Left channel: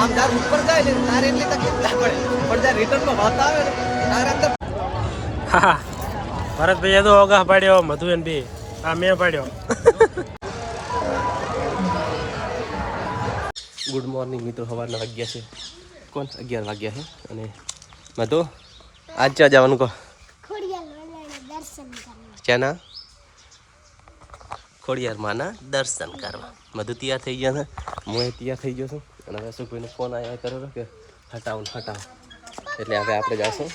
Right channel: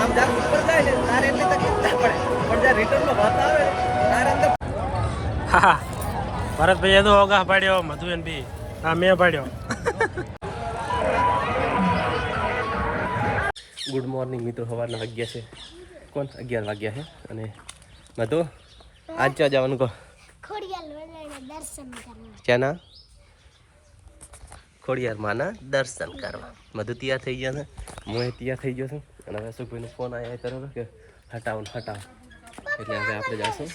આમ જ્યારે ઉપર જાય ને તારે એટલી તકલીફ ના પડે. પણ જ્યારે રિટર્નનો વખત આવે ને તારે અંદર હા ભરતભાઈ તો ઓગા પાડ્યો મધુ એન બી. હા મેં પાડ્યો. ગુડ મોર્નિંગ મિત્રો. સવારના વાગ્યા છે. કોણ? અગિયાર વાગ્યા છે. અને મધુ આજ ક્યાં જવાનું કહો? ક્યાંના? ખોડિયાર માના દર્શન કરવા. મધુ તૈયાર થઈ ગયા છે હું તૈયાર થઈ ગયો છું. અને હવે સુખભાઈને ફોન આવ્યા હતો કે હટાવો હટાવો. એટલે હવે આપણે જાશું.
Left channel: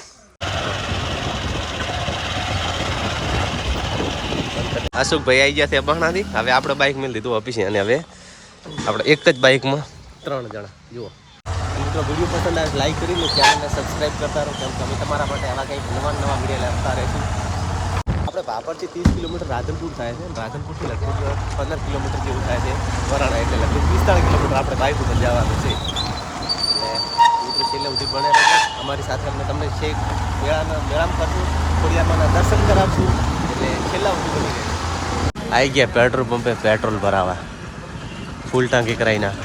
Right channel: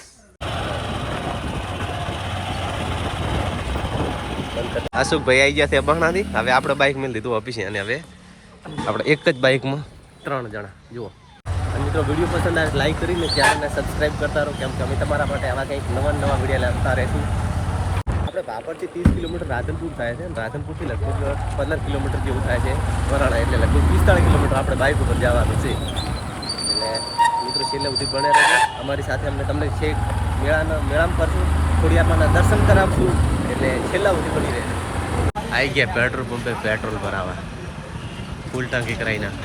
અશોકભાઈ આવી ગયા છે બહણાથી હવે આપણે બાઇક મેં લીધું ઓફિસે અને હવે આપણે એક જ બાઇકમાં ત્રણ જણા. જુઓ. મિત્રો, વીડિયો પસંદ આવે લાઈક કરીને ચેનલને સબસ્ક્રાઈબ કરતા રહો, કેમ કે અમે તમારા માટે આવા કંઈક નવા નવા વીડિયો લાવતા રહીશું. આપણે ભાપરથી ત્રીસ કિલોમીટર રાધનપુર થાય છે. રાધનપુરથી લગભગ પંદર કિલોમીટર જેવું થાય છે. વરાણા એટલે લગભગ પિસ્તાળીસ કિલોમીટર આપણે બાઇક ઉપર જવાનું છે. એટલે મિત્રો છેલ્લે સુધી ભણ્યા રહેજો. અમારી સાથે અમને તમને છેક મેળાના મેળામાં કરશું ખોડિયારમાંના દર્શન કરાવશું. એટલે છેલ્લા સુધી બની રહે આવી ગયા પેટ્રોલ પંપે પેટ્રોલ ભરાવા. ફૂલ ટાંકી કરાવી નાખ.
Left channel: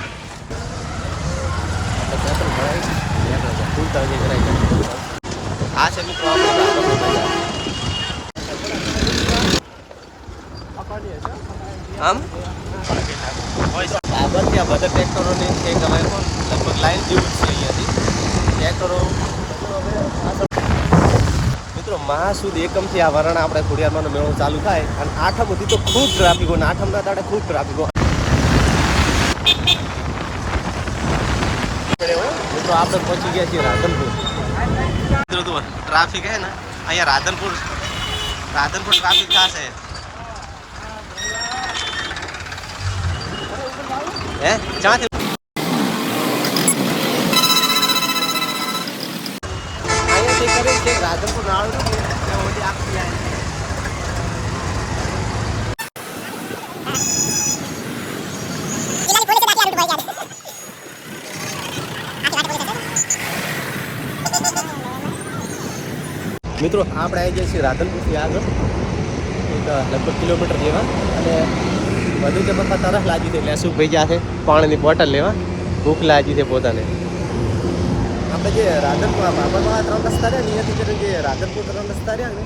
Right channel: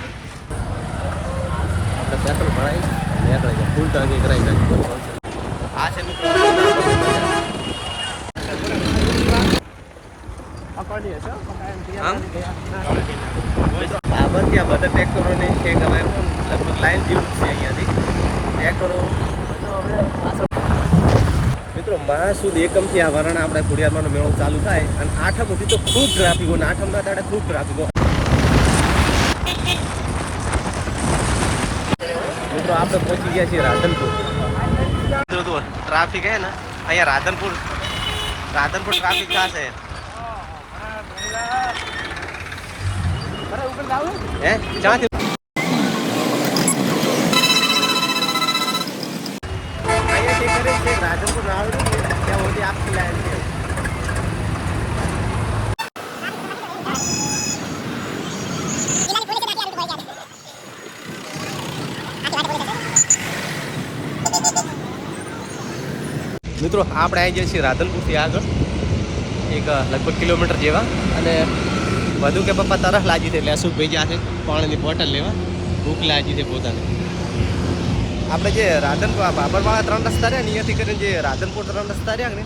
આપણે પેટ્રોલ ભરાવી નીકળે છે ફૂલ ટાંકી કરાવી આ આ છે મિત્રો આમ? આ બધી આ બધા ટ્રેક્ટરોની છે કે હવે લગભગ લાઈન જેવું છે અહીંયાથી. ટ્રેક્ટરો મિત્રો મહાસુદ એકમથી આ વરણ આપણે ખોડિયારમાંનો મેળો ચાલુ થાય અને આઠમ સુધી તો ખૂબ ટ્રાફિક હોય આઠમના દાડે ખૂબ ટ્રાફિક મિત્રો, આપણે પહોંચી ગયા છીએ રાધનપુર. મિત્રો ટ્રાફિક હે ને, અહીંયા રાધનપુર રાધનપુર ટ્રાફિક થશે. હે? ક્યાંથી અહીંયાથી કરી છે રાધનપુર નાળું ત્યાં છે. મિત્રો, આપણે આવી જઈએ છીએ રાધનપુરથી આગળ, એક લગભગ કિલોમીટર જેવા. અને વધુ કે પપ્પા તરફ લાગી છે એટલે અશુભભાઈ જ્યાં છે, પાણીની બોટલ લેવા. ભૂખ લાગી છે પોતાને. આપણે જે રાધનપુર બાબરવાળા ત્રણ રસ્તા રહ્યા અહીંયાથી કરીને જે રાધનપુર ત્રણ રસ્તા રહ્યા ને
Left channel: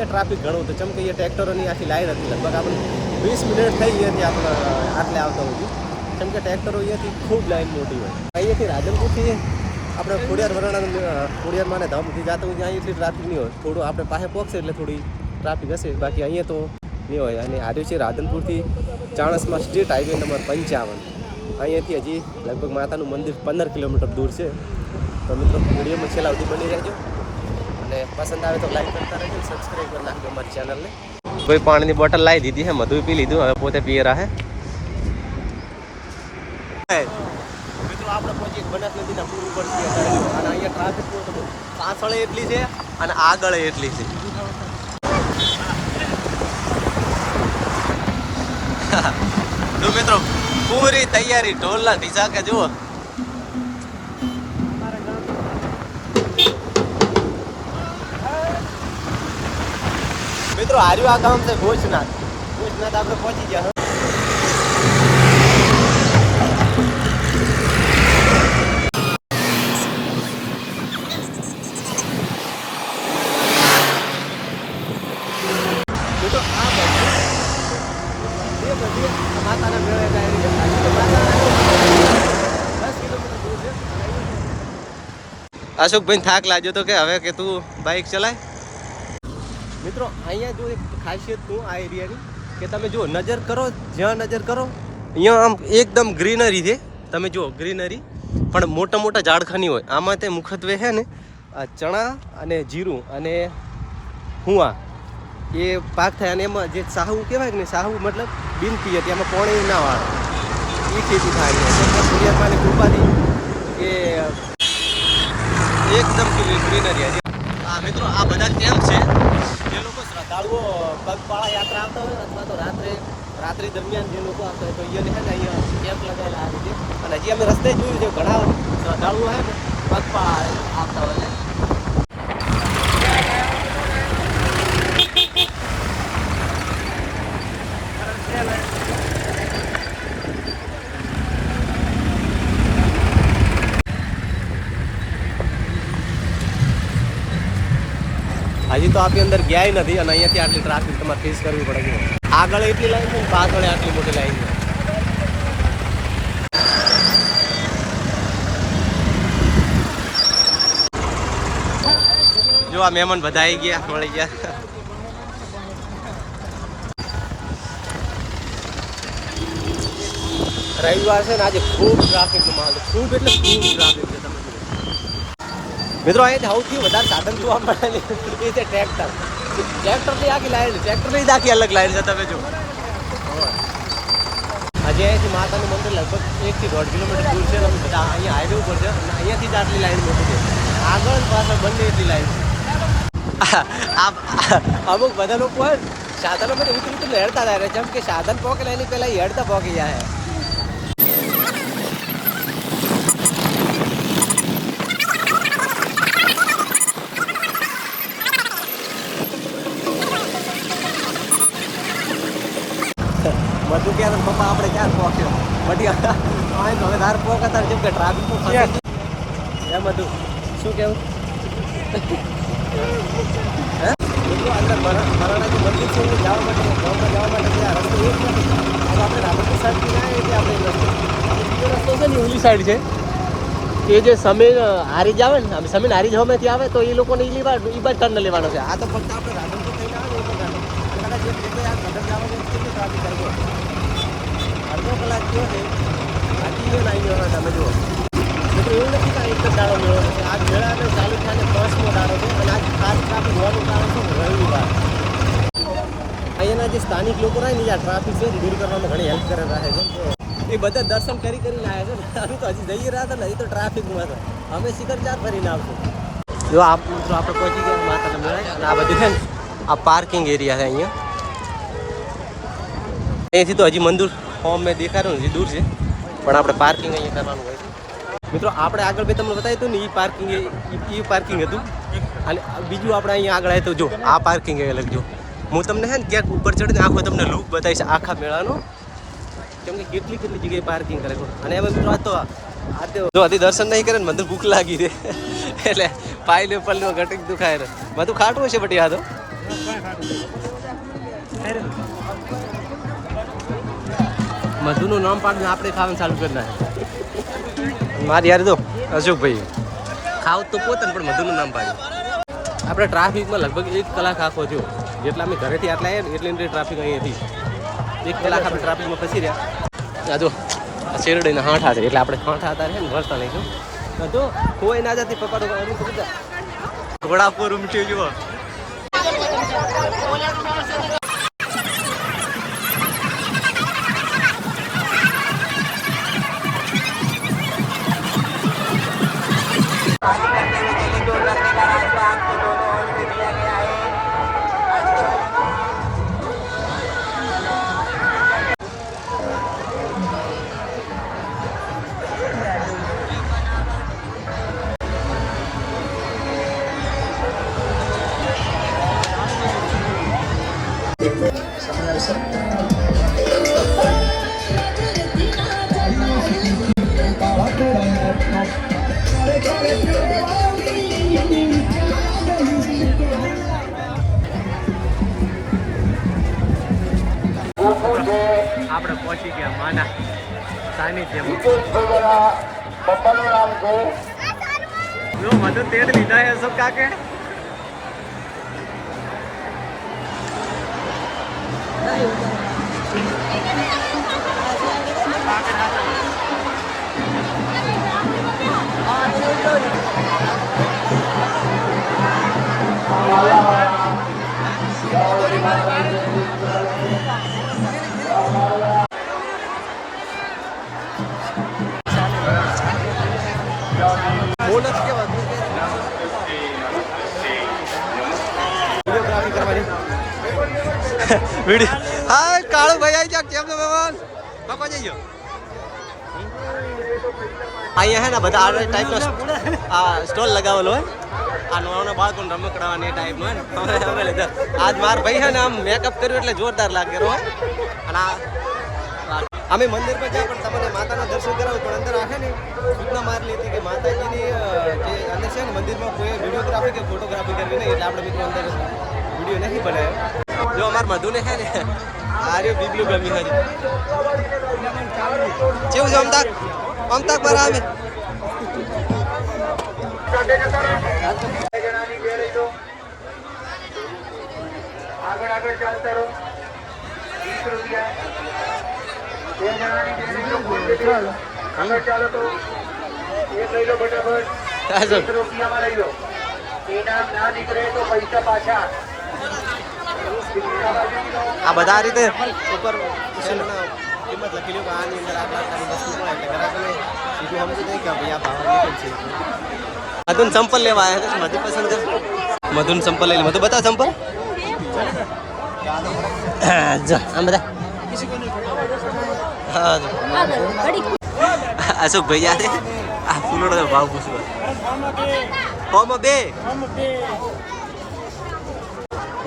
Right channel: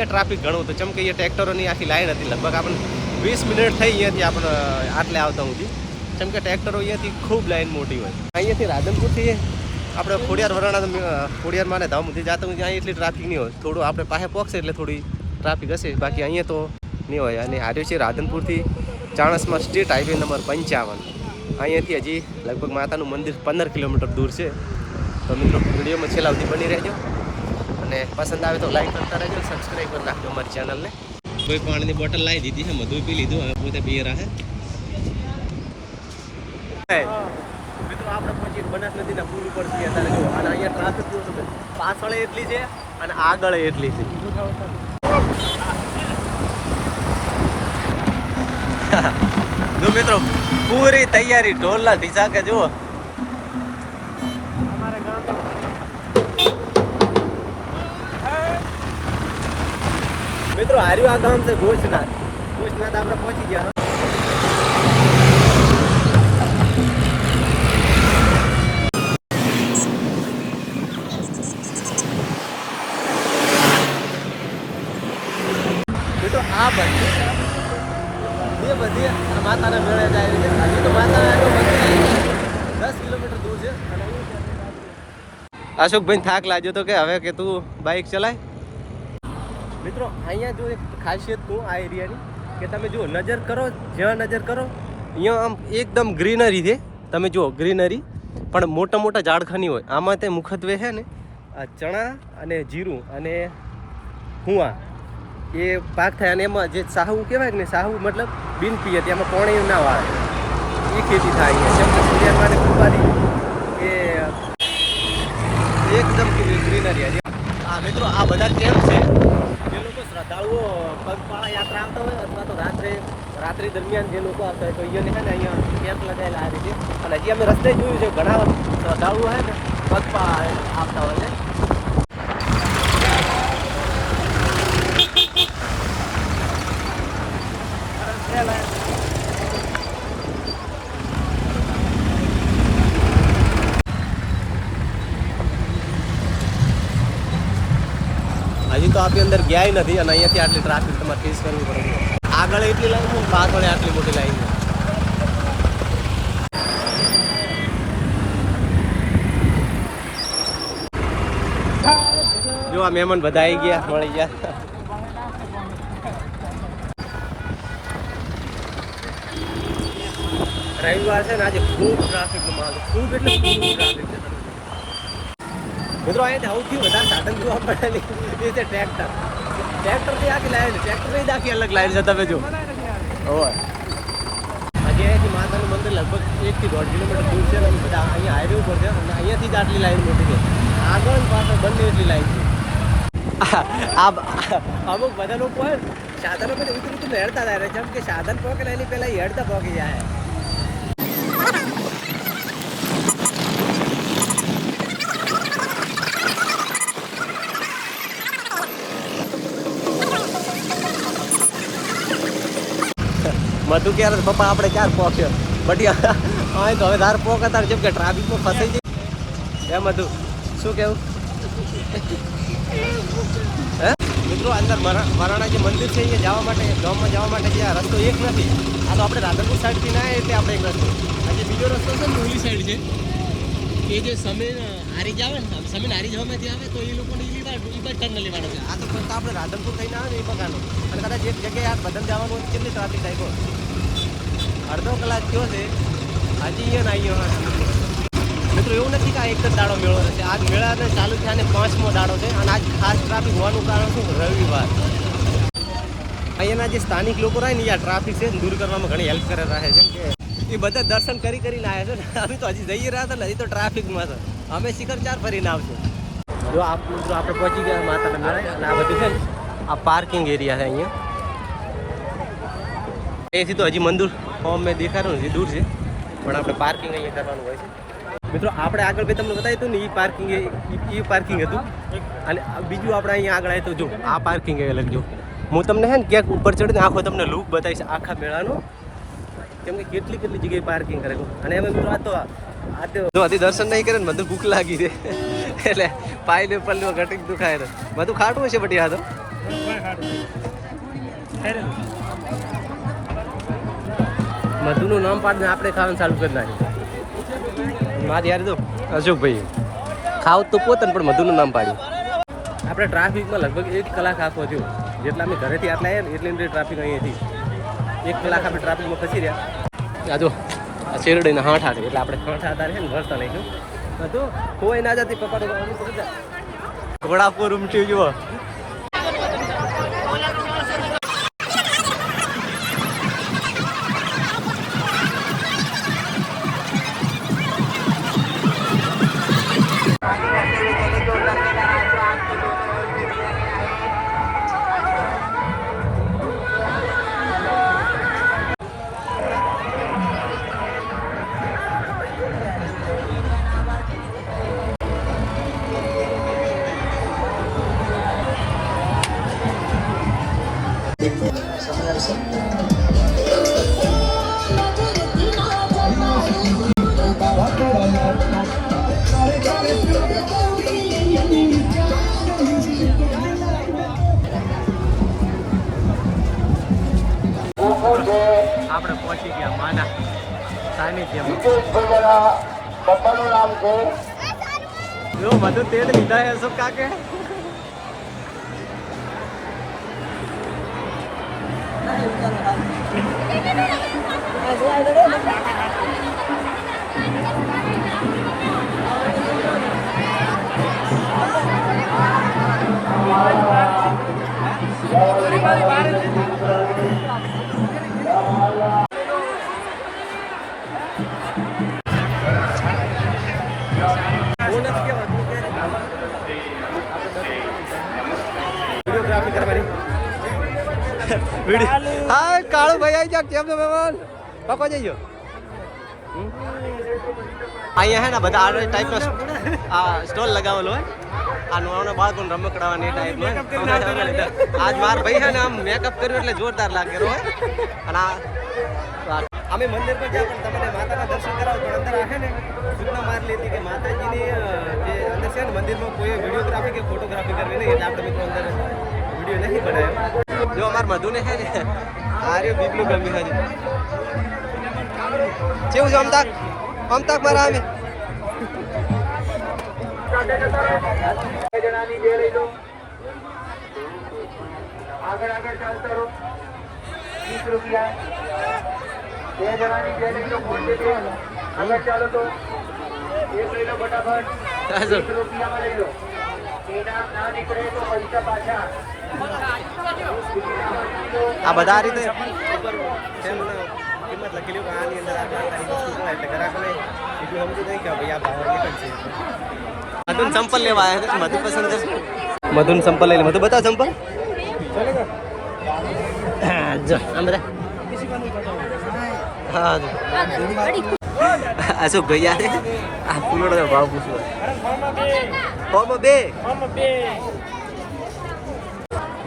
એ ટ્રાફિક ઘણું હતું. ચમ કે એ ટ્રેક્ટરોની આખી લાઈન હતી. લગભગ આપણે વીસ મિનિટ થઈ અહીંયાથી આપણે આટલે આવતા સુધી. કેમ કે ટ્રેક્ટરો અહીંયાથી ખૂબ લાઈન મોટી હોય. અહીંયાથી રાધનપુરથી આપણે ખોડિયાર વરાણા ખોડિયારમાં ને ધામ સુધી જતા હોય અહીં એટલી ટ્રાફિક નહીં હોય. થોડું આપણે પાસે પહોંચશે એટલે થોડી ટ્રાફિક હશે. બાકી અહીંયા તો નહીં હોય. અને આજે છે રાધનપુરથી ચાણસમાં સ્ટેટ હાઈવે નંબર પંચાવન. અહીંયાથી હજી લગભગ માતાનું મંદિર પંદર કિલોમીટર દૂર છે. તો મિત્રો, વિડીયોમાં છેલ્લા સુધી બની રહેજો. અને પસંદ આવે તો લાઈક કરતા રહેજો સબસ્ક્રાઈબ કરી નાખજો અમારી ચેનલને કોઈ પાણીની બોટલ લાવી દીધી છે મધુ પી લીધું, હવે પોતે પી રહ્યા છે મિત્રો, આપણે પહોંચીએ બનાસ નદીના પુલ ઉપર છીએ અત્યારે જો, અને અહીંયા ટ્રાફિક તમે પાછળ એટલી છે અને આગળ એટલી છે. મિત્રો, પૂરી તૈયારી ઢોલના ઢીસા કે જુઓ. મિત્રો, હાર્યું આ ગામ છે ભોજનાથ. ભોજનાથ આપણે પહોંચી ગયા અશોકભાઈ થાક લાગ્યો તો કે હવે કે તું બાઇક ચલાય. મિત્રો, અહીંયા જો એક ખાસિયત શું આ એરિયાની કે તમે જુઓ, નજર કરો, જ્યાં નજર કરો, અહીંયા આમ એકદમ ગ્રીનરી છે. તમે જુઓ, ગ્રીનરી, પણ મોટા મોટા ઝાડખાની હોય. આમાં તે મુખત્વે છે ને ચણા અને જીરું અને હુંવા એ પાક થાય અને એમાં જે સાહુ કહેવાય ને સાહુ મતલબ બિનતી હતી એમાં પોણે ના વાળે. એ ખેતી થાય છે કેમ કૃપાથી એકદમ ગ્રીનરી હતી. આ મિત્રો, આ બધા કેમ છે? જે લોકો શ્રદ્ધાળુઓ પગપાળા યાત્રા આવતા હોય અથવા તો રાત્રે, રાત્રિ દરમિયાન જે લોકો આવતા હોય તો અહીંયા છે ને અહીંયા કેમ્પ લગાવેલા આવે છે અને હજી અમે રસ્તે જોયું છે, ઘણા શ્રદ્ધાળુઓ હોય ને પગપાળા આવતા હોય આપણી અંદર ગયા નથી અને અહીંયાથી આટલી ટ્રાફિક તમારે ફેસ કરવી પડે છે. આગળ એટલી લાઈન છે પાછળ આટલી મોટી લાઈન છે. જો આ મહેમાન બધા આવી ગયા, મળી ગયા. રવિવાર છે ને, આજે ખૂબ ટ્રાફિક ખૂબ એટલે ખૂબ ટ્રાફિક છે. મિત્રો અહીંયા સૌથી વધારે સાધન જોવા મળે એ છે ટ્રેક્ટર. ટ્રેક્ટરની આખી લાઈન છે. ટ્રેક્ટરની જ આખી અલગ લાઈન છે, તમે જો. હોય હજી અહીંયાથી માતાનું મંદિર લગભગ એકથી દોઢ કિલોમીટર દૂર છે અને બધા અહીંયા હાઈવે ઉપર છે અને અહીંયાથી જ આટલી લાઈન મોટી છે. આગળ પાછળ બંને એટલી લાઈન છે. આ અમુક બધા લોકો સાધનો માટે ઉતરી ઉતરીને હેડતા થાય જેમ કે સાધન પોકે લઈને પહેલાં હેડતા પોકી જાય કે પપ્પા આપણે ક્યાં પહોંચ્યો બટી અહીં તો હવે ધાર પોક હતા જેમ કે ટ્રાફિકમાં ફસાઈ ગઈ એમ હતું. શું કેવું? હે? મિત્રો અંદર મરાણાજી મંદિર છે એ જવા માટે ગામમાં જવા માટે જે આ રસ્તો એક નથી. આ તો આપણે રાધનપુર સાઈડથી ના એટલે આપણે એક રસ્તો. આ બીજો રસ્તો છે ને ઓલી સાઈડ છે. એ જે સમીર હારી જ આવે ને સમીર હારી જવામાંથી આવે તો એ લોકોને એ લેવા એ બાદ ટર્ન લેવાનો છે. આ તો ફક્ત આપણે રાધનપુર થઈને આવે ને એ પ્રકારનો અને કદાચ એક જગ્યાએ આ બદલ જવાનું કેટલી ટ્રાફિક થાય? અડધો કલાક થયો છે. હજી અહીંયા આવી ગયો તમે જુઓ. મિત્રો, એવું નથી કે આ એક જ દાડો મેળો નથી આજ મેળાને ચાલુ થયા ને પાંચમો દાડો છે. અને આજ ખાસ ટ્રાફિક હોવાનું કારણ શું? રવિવાર. અહીંયાના જે સ્થાનિક લોકો રહે ને આ ટ્રાફિક છે, દૂર કરવામાં ઘણી હેલ્પ કરે રહે છે. એ બધા દર્શન કરી કરીને આવ્યા છે. અમે તો હજી જઈ રહ્યા હતા ને, હજી તો ટ્રાફિકમાં છે અમે શિખર ચાર ફરીને આવશું. જો આપ મિત્રો, આપણે પહોંચી ગયા માતા મેળા અને આ બધું છે આ પાર્કિંગ એરિયા છે અહીંયા. અહીંથી તો હજી મંદિર ફોર્મ મેં દેખાડ્યું હજી દૂર છે. પણ આપણે પાર્કિંગ અહીંયા કરવાનું હોય છે. મિત્રો, આપણે આગળ ભાઈ તમને બતાવ્યું હતું ને એ પાર્કિંગ એ પાર્કિંગ હતું. અને બીજું આપણે અહીંયા આગળ આવ્યું જો, આ પાર્કિંગ અલગ, જો. હું તમને હે ને ક્યાંક ઉપર ચડીને આખો તમને લુક બતાવીશ, આખા મેળાનો. કેમ કે કેટલી કેટલી જગ્યાએ પાર્કિંગ કરે અને હવે મિત્રો, આ તો આ તો જો, હજી દર્શન નહીં કરે ને, મને ભૂખ લાગી છે. એટલે પાયલે પલ્લો ઘટક દુખાય ને બધું ખાટું છે બટી, આ તો? મધુનું નામ પાડીને આપણે ખાવાનું ચાલુ કરી નાખ્યું મારી યાર તો અશોકભાઈ. ખાવ તો પોતાને પણ મધુનું નામ પાડ્યું. આપણે ટ્રાફિકમાં લગભગ એક કલાક આખો થયો. જેટલા અમે ઘરેથી આટલા આવ્યા ને એટલી અંદર ટ્રાફિક અહીંયાથી. એક કલાક આપણે ટ્રાફિકમાં ફસી રહ્યા. આ જો આ શેરડીના હાંઠા છે એટલે આપણે હાંઠા હતા ને વરસતા લઈશું તો કોઈ ના જતી પપ્પા તો ઘોડા પર ઉમટ્યું જુઓ સાનિધ્યમાં જો મધુ તેલ લીધા હે અશોક કાકે. હા કાળો ભાઈ આવી કેમ છો, મહેમાન? પાપા જઈજો અહીંયા હે બધા આ ટાઈપનો આ સ્ટોલ લગાવેલો હોય. આ નાના બાળકોને રમકડાવાની એ ટાઈપનો આજ માર ભાઈ ને આમ મેકઅપ કર્યું એટલે જોરદાર લાગે અને આ અમે મંદિર પર જ્યાં પણ તમને માતાના દર્શન કરાવો, પણ અંદર આખે ને સૂચના મારેલી હતી કે માતાજીની જે અંદર છે ને મંદિરમાં કોઈ વિડીયોગ્રાફી કે ફોટોગ્રાફી કરવી નહીં, એટલે આપણે મિત્રો અંદર વીડિયો નહીં બનાવ્યો. જો અમાર મધુને હે ને આ રહ્યું બીબલું ગમ્યું હજી. કેવું છે અમતાક અમતાક મારા આવે રૂપિયા બે પૈસા પાછા. આ બધા આ રીતે ઉપર કિંમત લખેલી કે આની અંદર આટલા આટલાની વસ્તુ પણ એટલે ગ્રાહકોને સીધું સમજી નહીં કે ભાઈ આ ભાવ નીકળ છે. મધુન સંપલ લેવા આવ્યા છે. મધુ પસંદ કર. મધુન સંપલ લઈ લે. મધુ બતા સંપલ. જા આમ બધા. હા જો. અશોક ભાઈ યાદ આ ફૂલોનો ભાવ પૂછવા ફોર્મ બે.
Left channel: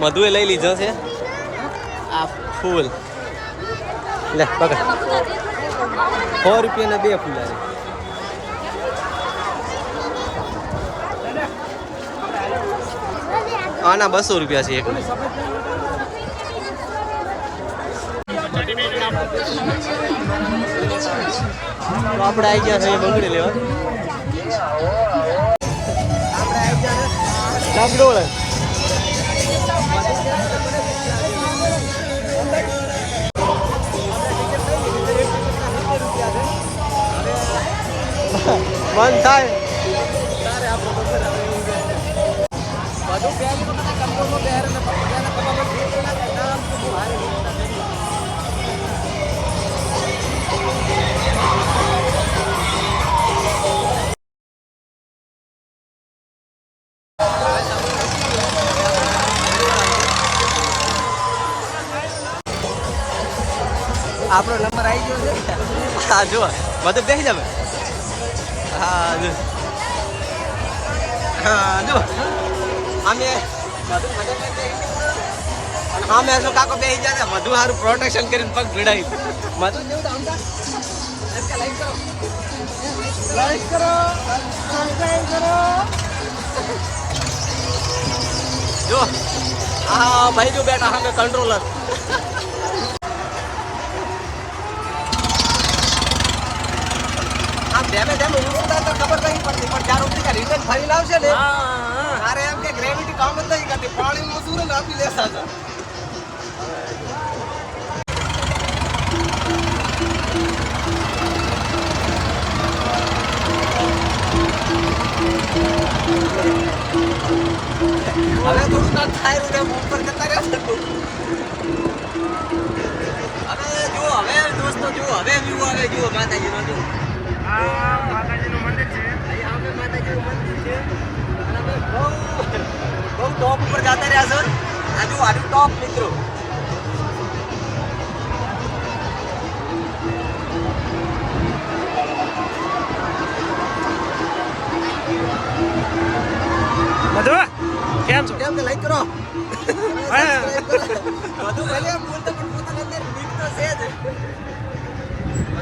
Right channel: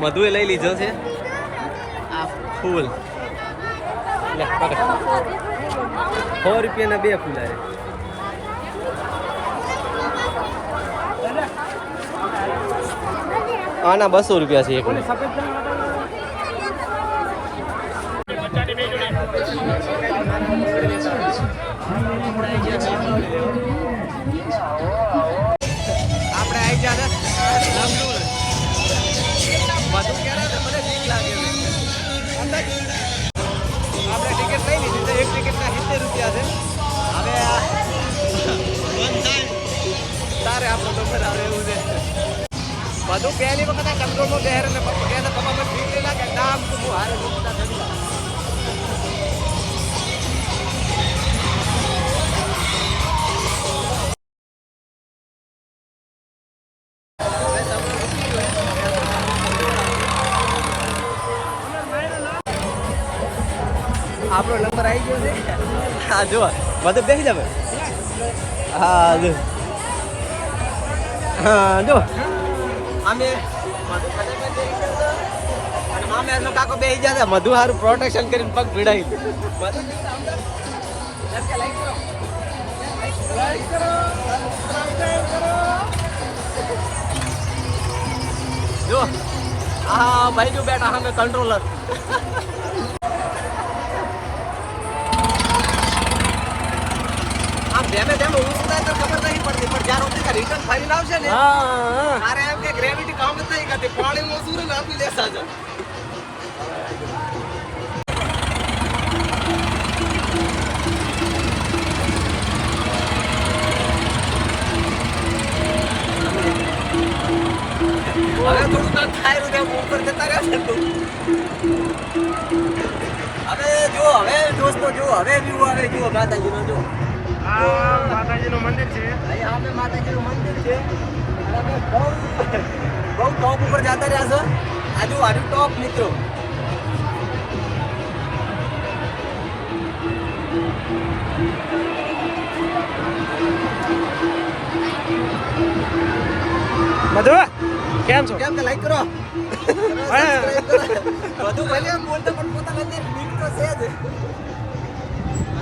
મધુએ લઈ લીધો છે. આ ફૂલ. લે, પકડ. સો રૂપિયાના બે ફૂલ આવે. આના બસો રૂપિયા છે એક આપણે આવી ગયા છે બંગડી લેવા. આપણે આવી ગયા છે લંગડોળ બંધ થાય તારે આપણો નંબર આવે એવું છે. બધું પહેલી વખત આ કંટ્રોલમાં બેહરે આપણે નંબર આવી ગયો છે. હા જો મતલબ બેસી જાવે હા જો હા જો અમે મામે કાકો બેસી જાય મધુ સારું પ્રોટેક્શન કરીને પગ ભીડાઈ. મધુ જેવું આમ કરો. કરો કરો. જો આ ભાઈ જો બેટા સામે કંટ્રોલર ધેમે ધેમે ઊંચું થાય તો ખબર નહીં પડતી પણ જ્યારે ગયા રિટર્ન ફરીને આવશે ને ત્યારે એમ કે ગ્રેવિટી કામ જ નહીં કરતી પાણીમાં સૂર ને આપી લેતા છો હવે થોડું થાય રહ્યું ઉપર જતા રહ્યા હવે દોસ્તો જુઓ હવે જુઓ હવે જુઓ માતાજીનું જુઓ આ માતાજીનું મંદિર છે. અહીંયા આપણે માતાજીનું મંદિર છે. બહુ બહુ ટોપ ઉપર જતા રહ્યા છો. આજુ આની ટોપ મિત્રો મધુ કેમ છો? કેમ કે લાઈક કરો. બધું ભલે બોલતો પણ પોતાની અંદર બીક તો છે જ.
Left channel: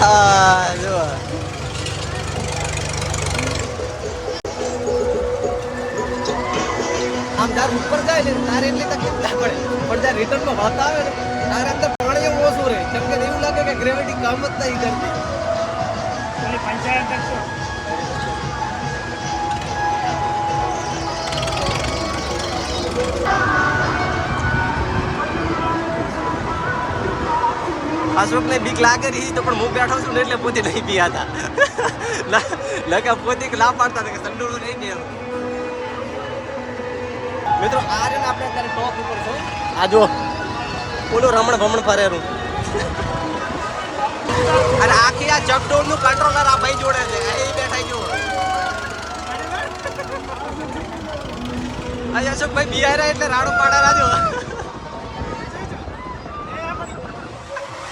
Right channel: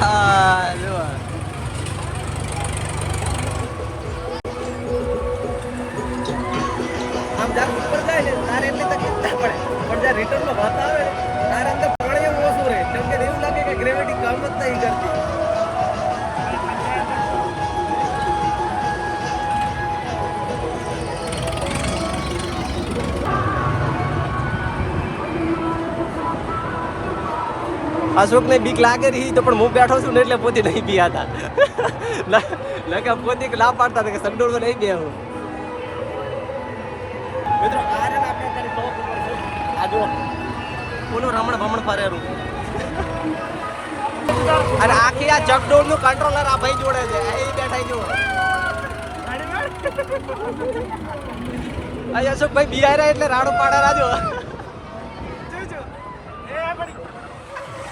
હા જુઓ આમ જ્યારે ઉપર જાય ને તારે એટલી તકલીફ ના પડે. પણ જ્યારે રિટર્નનો વાત આવે તારે અંદર પાણી એવું ઓછું રહે. કેમ કે એવું લાગે કે ગ્રેવિટી કામ જ નહીં કરતી. અશોક ને બીક લાગે રહી તો પણ હું બેઠો છું ને એટલે પોતે નહીં પીયાતા લકે પોતે ના પાડતા હતા કે સંડોળ નહીં બેહું. મિત્રો આ રે આપણે અત્યારે ટોપ ઉપર છે. આ જો ઓલો રમણ ભમણ ફરેરું અને આખી આ ચકડોળનું કંટ્રોલર આ ભાઈ જોડે છે. એ બેઠા જો આ અશોકભાઈ બિહારા એટલે રાડો પાડા રાજો.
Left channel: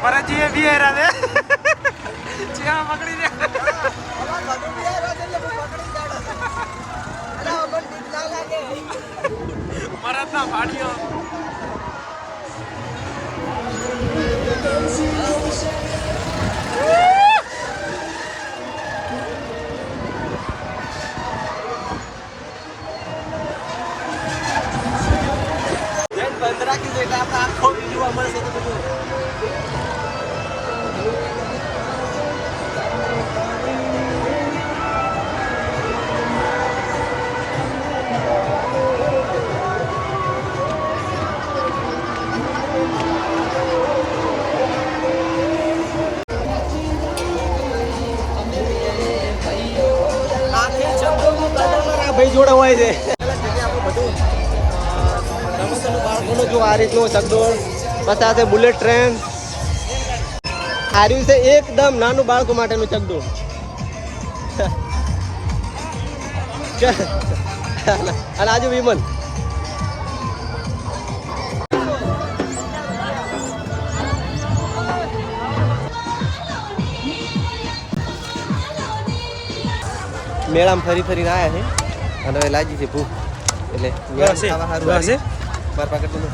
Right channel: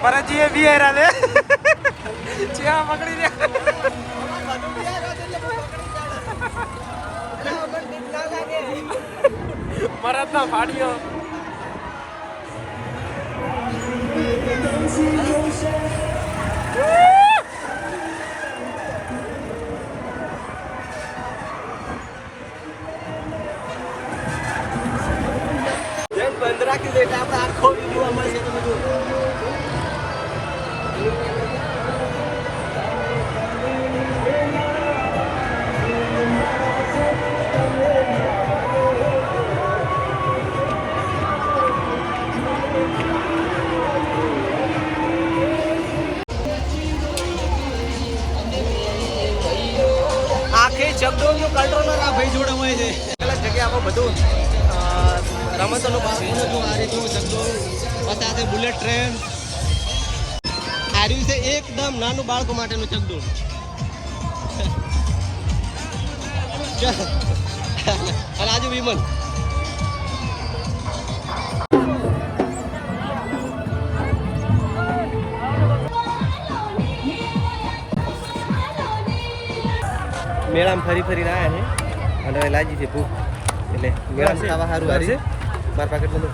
ભરતજી એ બી હેરા દે ચેવા પકડી દે મરદ ના ફાડ્યો જેમ રાખી દો એટલે આપણે આખો જોવા મળશે તમે જુઓ. પછી આ છે બુલેટ ટ્રેન હાર્યું છે એકદમ નાનું બાળકો માટેનું ચગડું અને આજુ વિમન મેળામાં ફરી ફરીને આવ્યા છે. અને લાગી છે ભૂખ. એટલે મેળામાં ખાવા સારું હારી મારા પાકેટ બધું.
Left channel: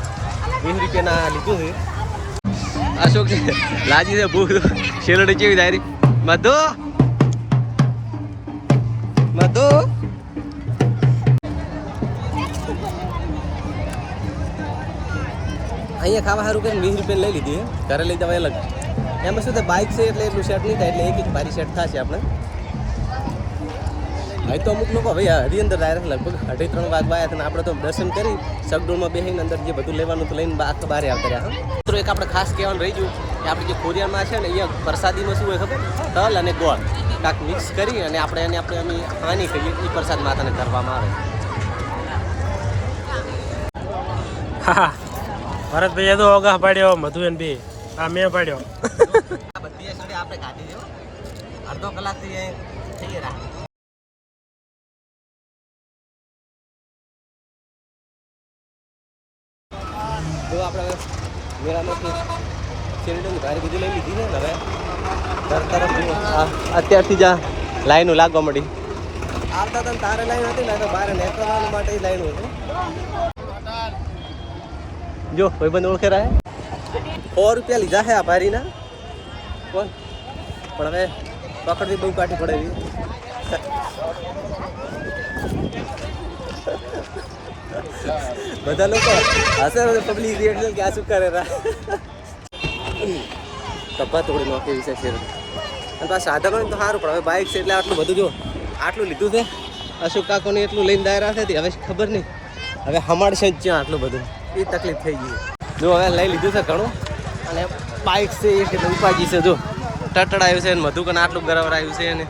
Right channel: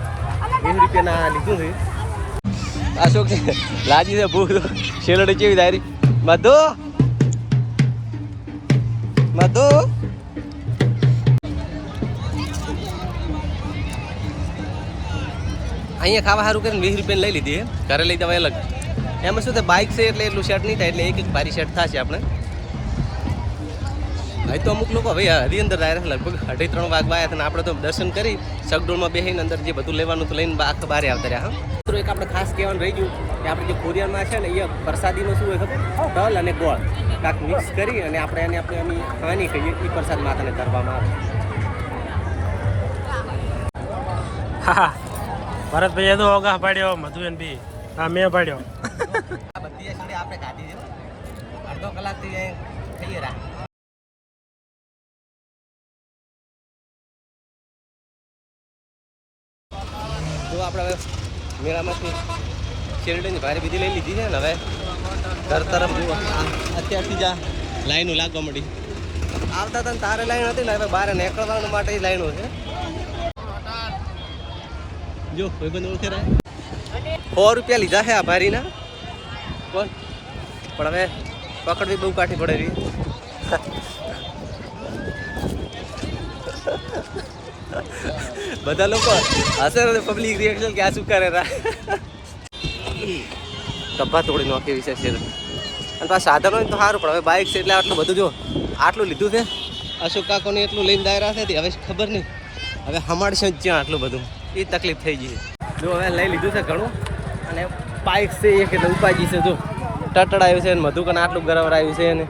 વીસ રૂપિયાના લીધું છે. અશોક લાગી છે, ભૂખ. શેરડી કેવી મધુ? મધુ? અહીંયા ખાવા સારું કરીને વીસ રૂપિયા લઈ લીધી ઘરે લઈ જવાય અલગ. એમાં શું થાય બાઇક છે એટલે એટલું શર્ટ નહીં થાય, એટલે એક એક ભારી શર્ટ થશે આપણે. હવે તો અમુક લોકો હવે હરી અંદર ડાયરેક્ટ લગભગ અઢી ત્રણ વાગવા આવ્યા હતા અને આપણે તો દર્શન કરી સગડોળમાં બેસીને અંદર જે બધું લેવાનું તો લઈને આખા બારે આવતા રહ્યા મિત્રો એક આપણે ખાસ કહેવાનું રહી ગયું કે આપણે જે ખોરિયામાં છે ને અહીંયા પ્રસાદીમાં શું હોય ખબર? તલ અને ગોળ. કાંક મિક્સ કરી અને આપણે એને આપણે એની હાની કહીએ એ પ્રસાદ માતાને ધરવામાં આવે. હા ભરતભાઈ એ તો ઓગા પાડ્યો મધુબેન બી. હા મેં પાડ્યો. આ બધી આપણે ખાધી છે અડધો કલાકથી ખાઈએ રહ્યા. તો આપણે હવે મેળામાંથી શેરડીની ભારી બધી લઈ લીધી છે ને હવે ઘર તરફ અત્યારથી જ લાઈનો લાગવા મળી આવતા હતા તારે લાઈન હતી ને, હવે બહાર નીકળવા માટે જ લાઈનો છે. જો કોઈ બંધ ઓળખે રહે સો રૂપિયા લીધા છે આ ભારીના. કોણ પણ હવે પકડવી બહુ કાઠી પડે રહી બધા લોકો હશે પબ્લિક રિએક્શન કે આ શું કરે ડબ્બા તોડી નાખી છે. અને આ સાધન હોય તો સારું, પણ હવે બાઇક છે એટલે આટલું બધું જો, આટલું લીધું છે. અશોક કાકોને એટલું લઈને દાયરા છે હવે ખબર નહીં. હવે હમાડશે જ જ્યાં આટલું બધું. એ તકલીફ થઈ ગઈ જો હવે લઈ લીધું છે ઘણું. અને બાઇક છે એક એટલે ઉપાજી છે, જો. ટટડાયું છે ને મધુકન આટલું ગરવરાયું છે ને.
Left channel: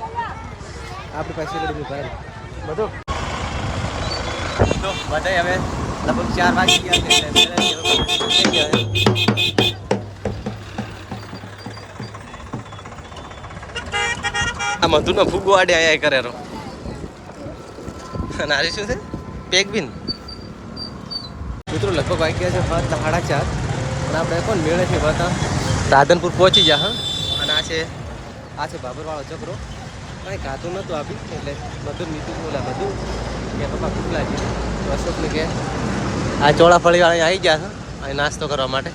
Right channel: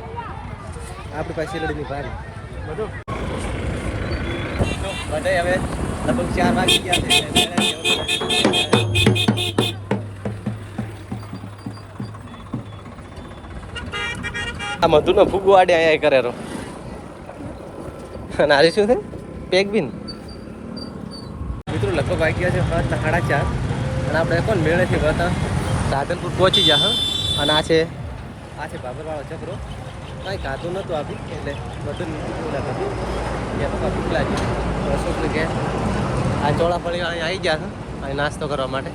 આપણી પાસે શેરડીની ભારી. બધું જો, બધાય હવે લગભગ ચાર વાગી ગયા છે એટલે આ મધુનો ફૂગો આડે આયા કરે રો અને આ શું છે? પેગબિન મિત્રો લગભગ વાગી ગયા છે સાતના સાડા ચાર. અને આપણે પણ મેળે છે વળતા રાધનપુર પહોંચી ગયા હા. અને આ છે આ છે બાબરવાળો ચપરો કાંઈ ખાતું નહોતું આપી એટલે બધું નીકળી ગયું બધું કે પપ્પા ભૂખ લાગી તો અશોકને કે આ ચોળાફળી વાળા આવી ગયા છે અહીં નાસ્તો કરવા માટે.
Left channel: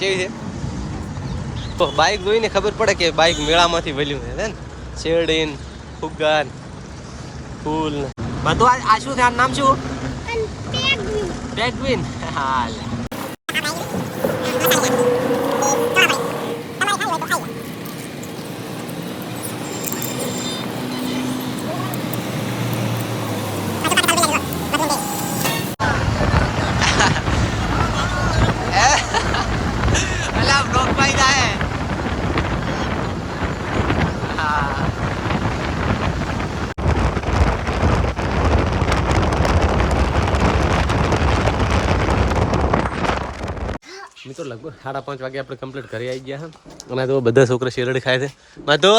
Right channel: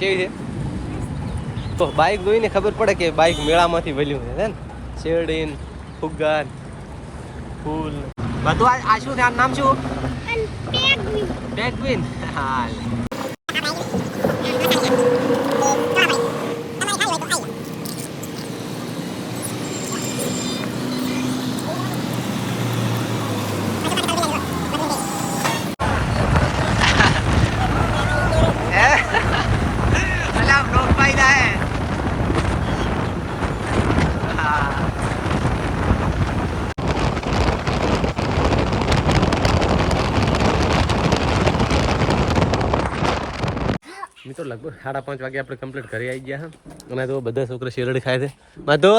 કેવી છે? તો બાઇક જોઈને ખબર પડે કે બાઇક મેળામાંથી વળ્યું છે ને? શેરડીન ફુગ્ગાન ફૂલ. બધું આ શું છે? આનું નામ શું? પેગવિન હાલ. અલા है. જાય મિત્રો, લગભગ સાડા પાંચ વાગે આપણે કમ્પ્લીટ ઘરે આવી ગયા અને તો બધા છોકરા શેરડી ખાય છે. માધો?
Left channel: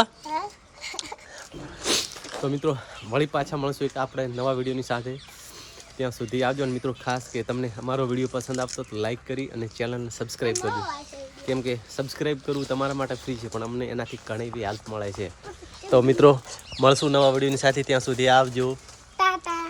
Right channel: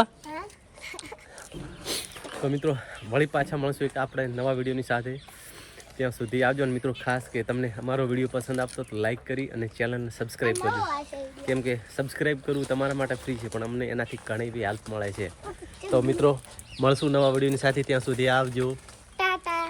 તો મિત્રો, વળી પાછા મળશું એક આપણે નવા વિડીયોની સાથે. ત્યાં સુધી આવજો અને મિત્રો, ખાસ કે તમને અમારો વીડિયો પસંદ આવતો તો લાઈક કરી અને ચેનલને સબસ્ક્રાઈબ કરજો. કેમ કે સબસ્ક્રાઈબ કરવું તમારા માટે ફ્રી છે, પણ અમને એનાથી ઘણી બી હેલ્પ મળે છે. તો મિત્રો, મળશું નવા વિડીયોની સાથે, ત્યાં સુધી આવજો. ટાટા.